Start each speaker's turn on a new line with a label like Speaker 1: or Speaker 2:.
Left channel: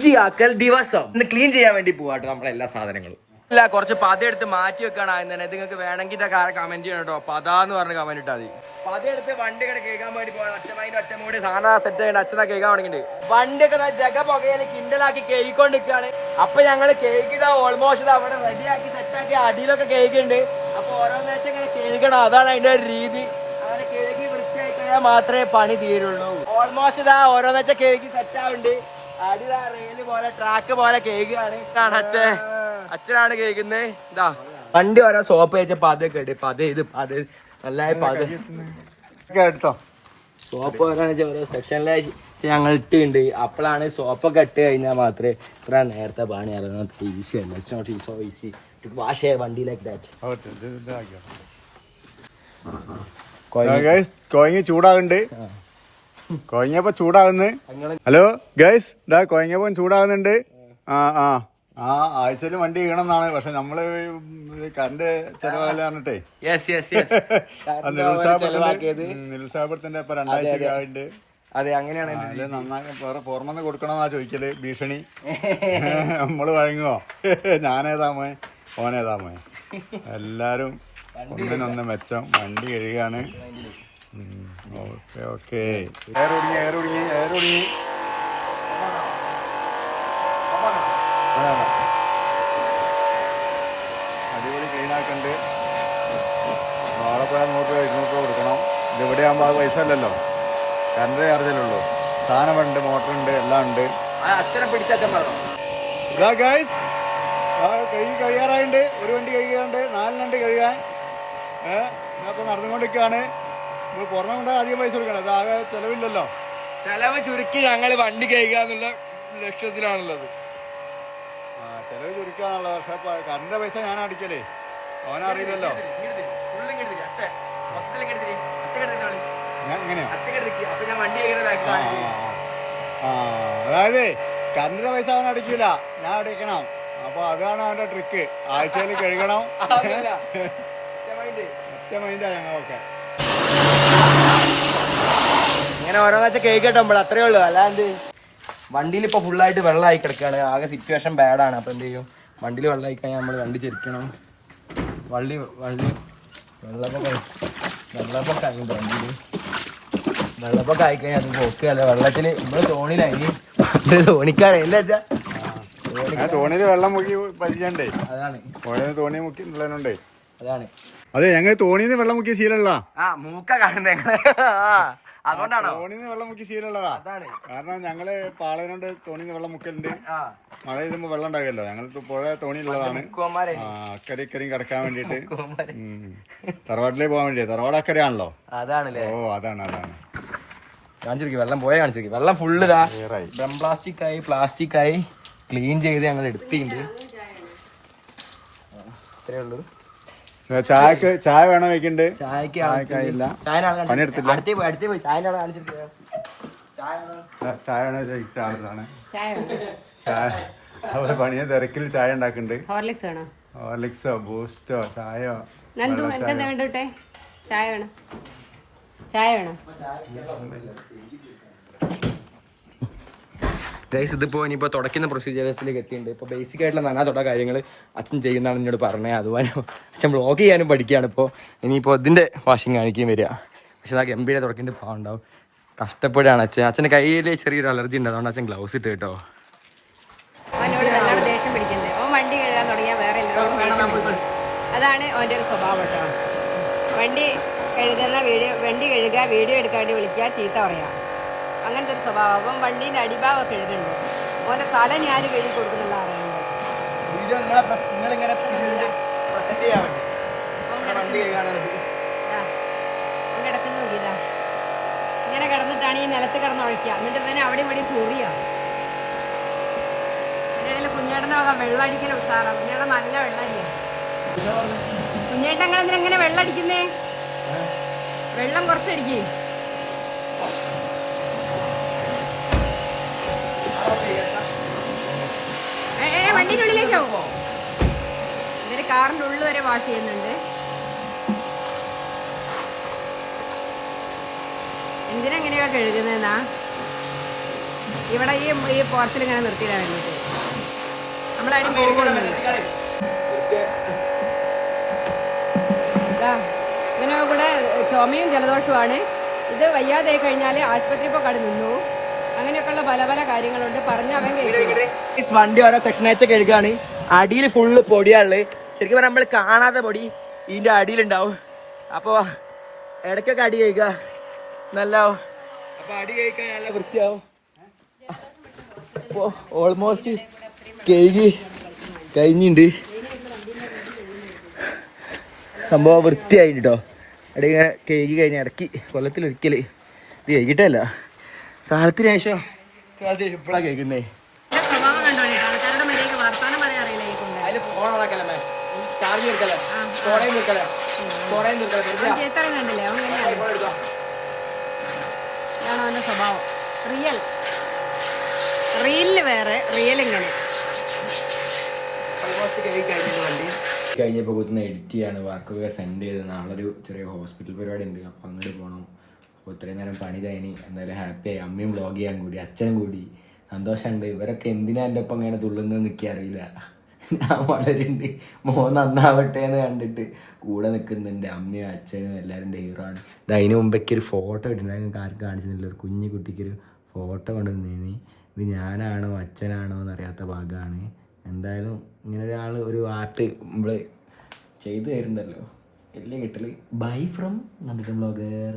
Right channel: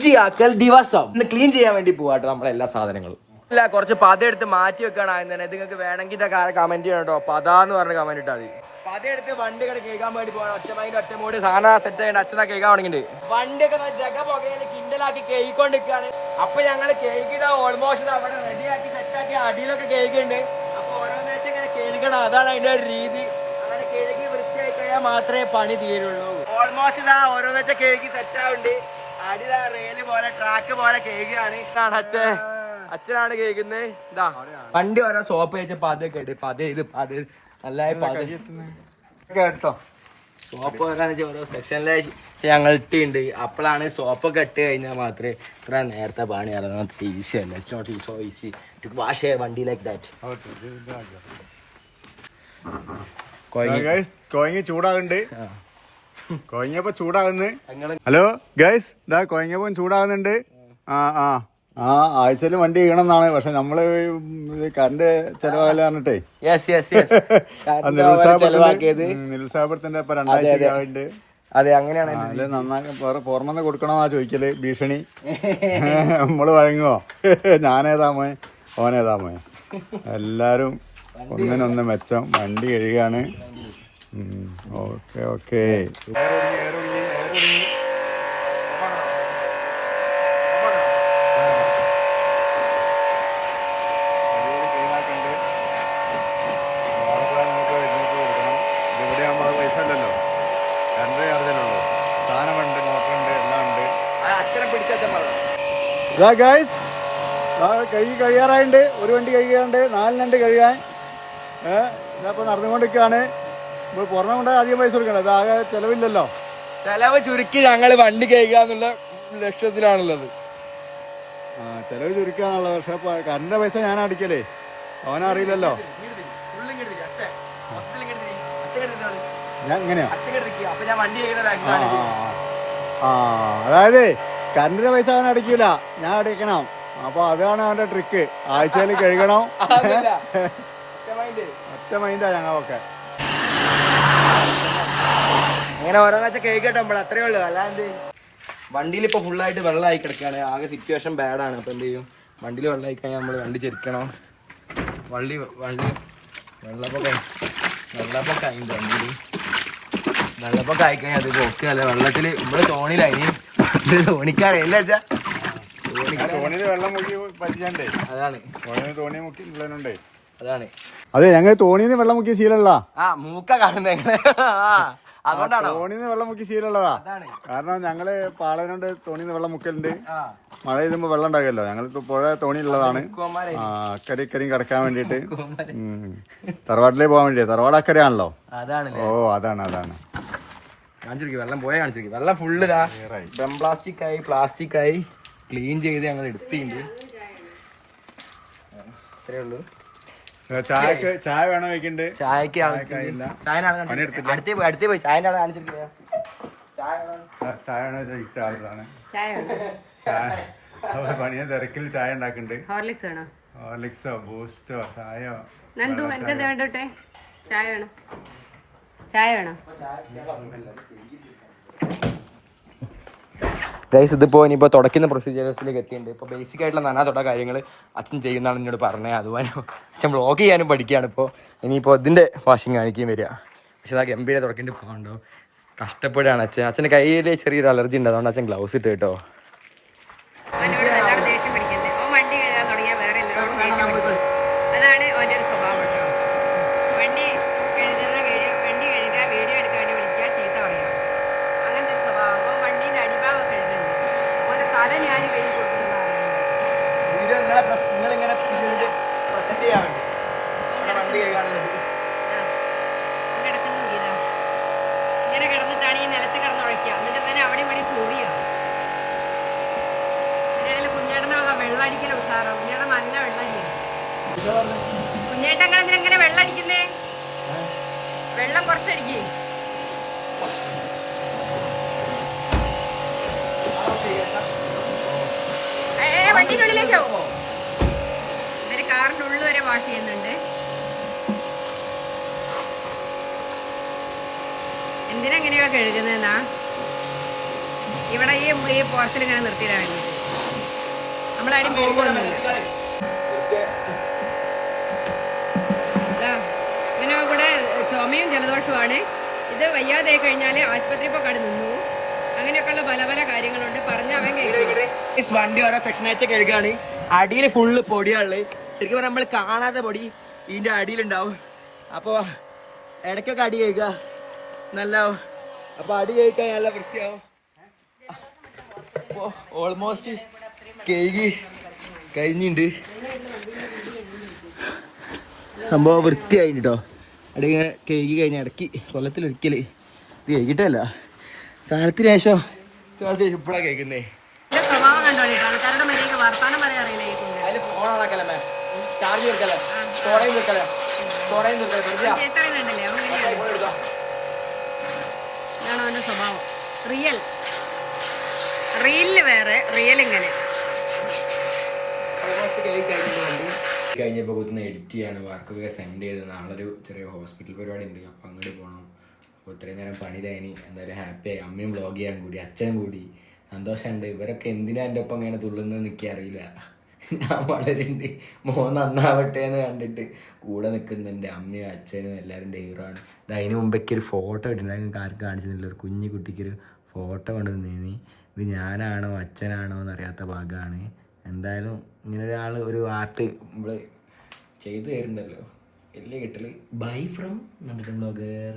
Speaker 1: വൃത്തിയാക്കൽ ദിവസം. ഇന്ന് ക്ലീൻ ചെയ്യാൻ വേണ്ടി പോവാട്ടോ നമ്മളെ എല്ലാ സാധനങ്ങളും. ഇല്ല കുറച്ച് പത എടുത്ത് മാറ്റി വെക്കാണ് ആദ്യം തന്നെ. നിങ്ങൾക്ക് വേണമെങ്കിൽ ഇതൊക്കെ കമന്റ് ചെയ്യണം കേട്ടോ പത എന്ന് പറഞ്ഞ് കമന്റ് ഇട്ടാൽ മതി. പത എടുത്ത് വണ്ടി കൂടെ കേൾക്കാൻ വേണ്ടി പോകണം ഒറ്റ മൈൻഡ് ഒറ്റ മൂടി സാധനം സെറ്റ് ചെയ്യേണ്ട അച്ഛനാ കേൾക്കാൻ തുടങ്ങിയിട്ടുണ്ട്. വണ്ടിയൊക്കെ ജഗ പുകയിൽ കിണ്ടലാക്കി കേൾക്കൊണ്ടിരിക്കുകയാണ് അപ്പൊ ഞങ്ങൾ കേൾക്കുന്ന ഓൾമോസ്റ്റ് അവിടെ റെഡിയാക്കി സെറ്റാക്കി അടിയിലൊക്കെ കേൾക്കുന്നുണ്ട് അപ്പൊ ഓരോ ഓരോന്നേച്ച് ഇങ്ങനെ കേൾക്കണം. അതാണ് അതിന്റെ ഒരു രീതി. അങ്ങനെ കേൾക്കി വൃത്തിയായി കഴിഞ്ഞാൽ മാത്രമേ പണി തീരുള്ളൂ. ഓൾമോസ്റ്റ് ഇതാ ഓരോന്നെച്ച കേൾക്കി സെറ്റ് ആവുന്നുണ്ട്. അടിതാ റെയിൽ പോലെ ട്രാക്ക് പോലെ അച്ഛൻ. അച്ഛനാണ് കേൾക്കുന്നത് ഇതാ. വണ്ടി ഓരോ സോപ്പ് വെച്ച പതൊക്കെ ഉണ്ട് പത ഇത് അത് നല്ല
Speaker 2: കേട്ടോ
Speaker 1: സോപ്പ് ഓരോ സെക്ഷനിലെ ഞങ്ങൾ ഇട്ടിണ്ട്. അപ്പോഴാണ് സോപ്പൊക്കെ ഇട്ട് കഴിഞ്ഞാൽ മാത്രമേ ഇത്ര നേരത്തെ പണി ഇറങ്ങാൻ ഈസി അല്ല? It's not so easy to wash a വണ്ടി ലൈക്ക് ദാറ്റ്
Speaker 2: ഗൈസ് കോയങ്ങ ചൂടാകുന്നുണ്ട് കോയങ്ങപ്പോ ചൂടാകുന്നു ഹലോ ഗൈസ് ഇതാ കോയങ്ങപ്പം ചൂടാകുന്നുണ്ട് ആ ആ. ആ ആഴ്ചയിൽ വണ്ടി ചെയ്യണമെന്നാണ് പക്ഷെ നമ്മൾ കറണ്ട് ചെലവാല പറഞ്ഞിട്ടേ.
Speaker 1: യെസ് യെസ് യെസ് ചെലവാക്കിയത്.
Speaker 2: നിരുത്സാഹപ്പെടുത്തിന്റെ ഇപ്പൊ രണ്ടാഴ്ച ആവുന്നുണ്ട്
Speaker 1: അതെ. അങ്ങനെയാണ്
Speaker 2: പുറമെന്ന് കൊടുക്കണമെന്നാ ചോദിക്കൽ ഭീഷണി. നമ്മൾ വഴങ്ങുവോ? ഞാനേതാ ഓനേതാമോ എല്ലാരും ഒന്നിനൊന്ന് മെച്ചം വണ്ടി കഴുകാണ്. ഓക്കെ ഓക്കെ അടിപൊളി ക്ലീൻ ആക്കണ്ട് വാഴപ്പഴം നൂറ് രൂപ ഇരുന്നൂറ് രൂപ കൊടുക്കണം എവിടെ ആകുമ്പോൾ അത് പൈസ അല്ലല്ലോ കറണ്ട് ചാർജല്ലുള്ളൂ സാധനമുണ്ട് മോട്ടറുണ്ട് എല്ലാം ഉണ്ട് ഇതാ ഗൈസ് കഴുകി കഴിയാറായിട്ടുണ്ട് ഒരു വണ്ടി കഴുകാണ്ട് നാലിനുണ്ട് കഴുകാൻ ഏഹ് ഇതപ്പോൾ നടന്നുകൊണ്ടിരിക്കുകയാണ് പുറമെ കൊണ്ട് അധികം പൈസ കൊടുക്കണം. അത് ആകെ ചെലവില്ലല്ലോ.
Speaker 1: ചെലവ് ചുരുക്കി ഞങ്ങൾ വണ്ടി കഴിക്കാന്നുള്ള ലക്ഷ്യത്തിലാണുള്ളത്.
Speaker 2: ആ, ചെലവ് ചുരുക്കാനുള്ളത് പക്ഷെ കറണ്ട് പൈസ ഞാൻ അടിക്കലേ അവനറിയില്ലല്ലോ ഞാൻ ഇങ്ങനെയാ? ആ, അതായത് കറണ്ടിന് പൈസ അവൻ അടിക്കില്ല ഞാൻ അടിക്കണം അപ്പൊ അതാണ് അവന്റെ ട്രിക്ക് ആഴ്ചയിൽ കഴുകണം. ഒറ്റ മൈൻഡാ ഞങ്ങളൊക്കെ.
Speaker 1: ഇങ്ങനെ ഓരോന്നാച്ച കേൾക്കട്ടെ അത്രേ ഉള്ളൂ. അല്ലാണ്ട് വണ്ടിയിൽ ഇപ്പൊ ഫുള്ളായിട്ട് വെള്ളമായി കിടക്കുകയാണ്. ആകെ സിറ്റുവേഷൻ ബാഡാണ് അപ്പൊ എന്ത് ചെയ്യും? വണ്ടിയിൽ വെള്ളമായി കഴിഞ്ഞാൽ നമ്മൾ വണ്ടി ചെരിക്കണം. വള്ളി വള്ളി വെള്ളപ്പൊക്കെ വെള്ളപ്പൊക്കെ ആയിട്ടുണ്ട് വണ്ടിയിൽ. വെള്ളപ്പൊക്കെ ആയിക്കഴിഞ്ഞാൽ അത് പോക്കല്ല വെള്ളത്തിൽ നമ്മൾ തോണിയിലായി തോണിക്കാരല്ല വെച്ചാ?
Speaker 2: ആ തോണിയിൽ വെള്ളം മുക്കി പരിചയണ്ടേ
Speaker 1: അതാണ്.
Speaker 2: തോണി മുക്കി ഉള്ളതിനുണ്ടേ
Speaker 1: അതാണ്.
Speaker 2: അതെ ഞങ്ങൾ തോണിന്ന് വെള്ളം മുക്കിയ ശീലമുള്ള
Speaker 1: ആ മൂക്ക കാണുന്നേ അതുകൊണ്ടാണോ?
Speaker 2: തോണിന്ന് വെള്ളം മുക്കിയ ശീലമുള്ളതാ
Speaker 1: അതാണ്.
Speaker 2: കാരണം ഞങ്ങൾ പാളനോണ്ട് തോണിന്ന് വെള്ളം മുക്കലുണ്ട്.
Speaker 1: ആ.
Speaker 2: മഴ പെയ്യുമ്പോ വെള്ളം ഉണ്ടാകുമല്ലോ ഞങ്ങൾ പുഴ തോണിയുള്ളതാണ് അക്കരെ ഇക്കരയും കിടക്കാൻ വേണ്ടിട്ട്. തറവാട്ടിലേ പോകാൻ വേണ്ടി തറവാട് അക്കരയാണല്ലോ?
Speaker 1: അതാണല്ലേ.
Speaker 2: ഓ അതാണ് അതാണ്.
Speaker 1: കാണിച്ചിരിക്കും വെള്ളം പോയ കാണിച്ചിരിക്കും വെള്ളം ഫുള്ള് ഡം പ്ലാസ്റ്റിക് ആയി പ്ലാസ്റ്റിക് ആയി ക്ലീൻ ചെയ്ത് ഞങ്ങൾ എടുത്തിട്ടുണ്ട്. ഇത്രേ ഉള്ളൂ.
Speaker 2: ചായക്ക് ചായ വേണോ വെക്കണ്ട്
Speaker 1: ചായക്ക്
Speaker 2: പണിയെടുത്തില്ല?
Speaker 1: അടുത്തേ പോയി അടുത്തേ പോയി. ചായ
Speaker 2: വേണോ? ചോദിച്ച ആളാണ്.
Speaker 3: ചായ
Speaker 2: പണിയെ തിരക്കിൽ ചായ ഉണ്ടാക്കുന്നുണ്ട്
Speaker 3: ഹോർലിക്സ് വേണോ?
Speaker 2: ഹോർലിക്സോ ബൂസ്റ്റോ ചായയോ?
Speaker 3: ചായ വേണോ? ചായ വേണോ?
Speaker 1: ഗൈസ് ഇതിപ്പോൾ ഇനിയിപ്പോൾ തുടക്കുന്ന പ്രൊസീജിയേഴ്സിലേക്ക് എത്തിയിട്ടുണ്ട്. ഇപ്പോൾ ബേസിക് ആയിട്ടുള്ള നാനാ തൊട്ട കാര്യങ്ങൾ അച്ഛൻ ചെയ്യുന്നതാണ് എന്നോട് പറഞ്ഞത്. അതുപോലെ അച്ഛൻ വ്ളോഗ് ചെയ്യാനും പഠിക്കുകയാണ് ഇപ്പോൾ ഇനിയിപ്പോൾ ഇതിന്റെ വാഷിങ് കാണിക്കുകയും വരിക. പക്ഷെ ആ ഗംഭീര തുടക്കേണ്ടി പോകണ്ടാവും കഷ്ടപ്പെടുകയാണ് അച്ഛൻ. അച്ഛന്റെ കയ്യിൽ ചെറിയൊരു അലർജി ഉണ്ട്. അതുകൊണ്ട് അച്ഛൻ ഗ്ലൗസ് ഇട്ട് കേട്ടോ.
Speaker 3: സ്വഭാവം കേട്ടോ. വണ്ടി കഴുകുന്ന വീഡിയോ വണ്ടി കഴുകുക വീഡിയോ എടുക്കാൻ വേണ്ടി വിളിക്കുക ചീത്ത പറയാം. അങ്ങനത്തെ ഒരു സ്വഭാവം. വണ്ടീന്റെ അടിഭാഗമൊക്കെ കഴുകുന്നുണ്ട് ഓന്റെ തല ഞാൻ കഴുകി കൊടുക്കുന്നുള്ള കിടക്കുന്ന ഇങ്ങനെ കിടന്നിട്ടാണ് ഈ നിലത്ത് കിടന്നുഴയ്ക്കുക എന്നിട്ട് ഇവനെ അവിടെ ഇവിടെ ചൊറിയാ ഇതിനിടയിൽ കുഞ്ഞേട്ടന്റെ വക വെള്ളം അടിക്കൽ ഉഷാറാ കുഞ്ഞേട്ടൻ നല്ല വെള്ളം അടിക്കണം കുഞ്ഞേട്ടങ്ങൾ എന്തിനാ വെള്ളം അടിക്കുന്നേ വെള്ളം കുറച്ചടിക്കേ. വണ്ടിനുള്ളിലേക്ക് ഇവർ കാറിന്റെ ഉള്ളു വരെ വാഷ് ചെയ്യുന്നുണ്ട്. എന്തിനെങ്ങനെയാ കഴുകുന്നതെന്നാ? ഇവിടെ ഈ ഈ പോർച്ചിൽ ഇങ്ങനെ നിർത്തിയിടാൻ വേണ്ടിയിട്ട് നമ്മളാരും പോകുന്നില്ല ഇവനോ കൂടെ ചുമയും ജലദോഷവുമാണ്. ഇത് വയ്യാതെ കഴിഞ്ഞാൽ ആശുപത്രി ഇപ്പോൾ കട നിന്നു. അങ്ങനെയൊക്കെയുള്ള പല പല കാര്യങ്ങളുണ്ട്.
Speaker 1: വണ്ടി ഓരോ സെക്ഷൻ വെച്ച കഴുകാണ് അടിയിൽ ഫുള്ള് പൊടിയാൾ. ശരിക്കും പറഞ്ഞാൽ നമ്മൾ കാണാതെ പൊടി ഇതിന്റെ അടിയിലുണ്ടാവും. അപ്പോ ഇടയ്ക്കൊക്കെ അടി കഴിക്കുക നല്ലാവും. അപ്പൊ അടി കഴിക്കാൻ നല്ല വൃത്തിയാവും. അപ്പോ ഓൾമോസ്റ്റ് കേക്ക് കഴിഞ്ഞിട്ടുണ്ട് സംഭവം വൃത്തിയായിട്ടോ അടി ഇങ്ങനെ കേക്ക് കഴിഞ്ഞ ഇടയ്ക്ക് കൊല്ലത്തിൽ ഒരിക്കൽ ഇത് കഴിക്കിട്ടല്ല കാലത്തിന് ശേഷം. കാലത്തിന് ശേഷം ഇപ്പഴാ കേൾക്കുന്നേ.
Speaker 3: കഴിഞ്ഞപ്പോ സ്വഭാവം. റിയൽ റീലിൽ വേറെ റിയൽ ഇങ്ങനെ.
Speaker 1: കഴിഞ്ഞപ്പോൾ കുത്തുന്ന എഡിറ്റ് ചെയ്യാണ്. വർക്കൊക്കെ സെൻഡ് ചെയ്ത്. നാളെ ഒരു ചെറിയ ഹോസ്പിറ്റൽ പരിപാടി ഉണ്ട്. അപ്പം അങ്ങോട്ട് പോകണം അപ്പോൾ ഇത്രയും നേരം പണിയിലായിനി എന്തായാലും ഹാപ്പി ആയി അമ്മയും വ്ളോഗ് ചെയ്യാൻ കൂടി അച്ഛനും കൂടി. സന്തോഷമുണ്ട്. ഇവരൊക്കെ എന്തിനാ എന്റെ ഒപ്പം ഇങ്ങനെ തുള്ളുന്നത് നിൽക്കുക അറിയില്ല ഞാൻ വളരുന്നുണ്ട്. മോൻ നന്നാവട്ടെ എന്ന് കണ്ടിട്ട് കൂടെ നിൽക്കുന്നുണ്ട്. അമ്മയും അച്ഛനും എല്ലാവരും ഡൈവറാണ് ആണ് ഇത് അതിന് മുമ്പേക്ക് ഒരു ഫോട്ടോ ഇട്ടിട്ടുണ്ടായിരുന്നു. ആർക്കും കാണിച്ചിട്ടില്ല ഒരു കുഞ്ഞു കുട്ടിക്കൊരു ഫോട്ടോ കൊണ്ട് നീ ഇത് ഞാനാണോ അച്ഛനാണോ എന്നറിയാത്ത ഭാഗമാണ്. എന്തായാലും ഇങ്ങനെ ഒരാൾ ഒരു ആർട്ട് നമ്മൾ ചെയ്തു തരുന്നുണ്ടല്ലോ. വലിയ കിട്ടൽ. ബൈ ഫ്രം എന്നിട്ട് ബ്ലോഗർ